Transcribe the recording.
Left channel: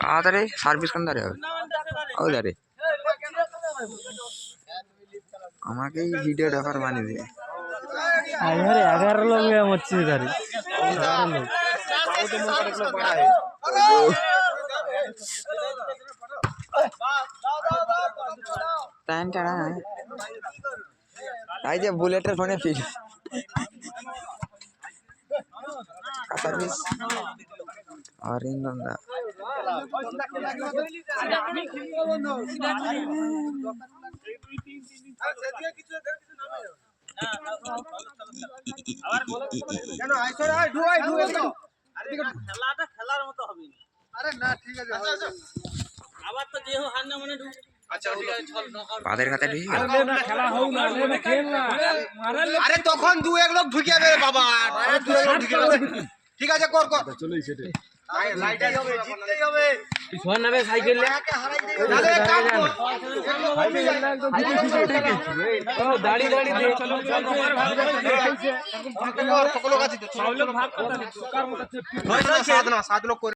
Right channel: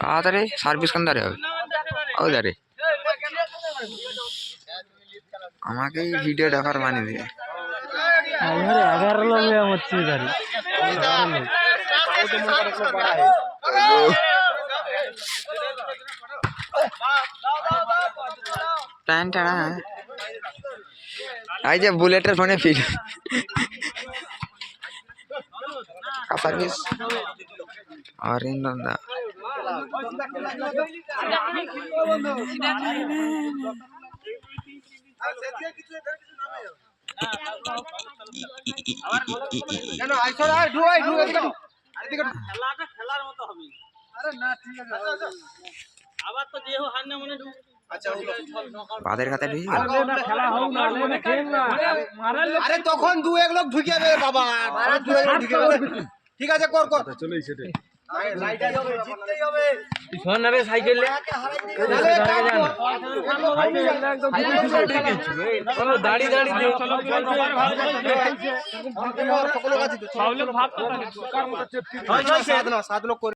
তাড়াতাড়ি সার্ভিস কোন ধারে হবে? ও ধারে আমাকেই ভিডিও দেখার বানিয়ে দিয়ে আমার 11 লোক হচ্ছে গাড়ি 11 লোক এই যে বুলেটের ফোনে ফিট সার্ভিস আর ইন্দা বাদের খাতা ঢুকে গেল আরে তখন 2-1 লোক ঢুকে যাবে বাবা ঠিক আছে কর কর চলেই সেটা সাইকেল দাড়ি দাড়ি সকল 7 লোক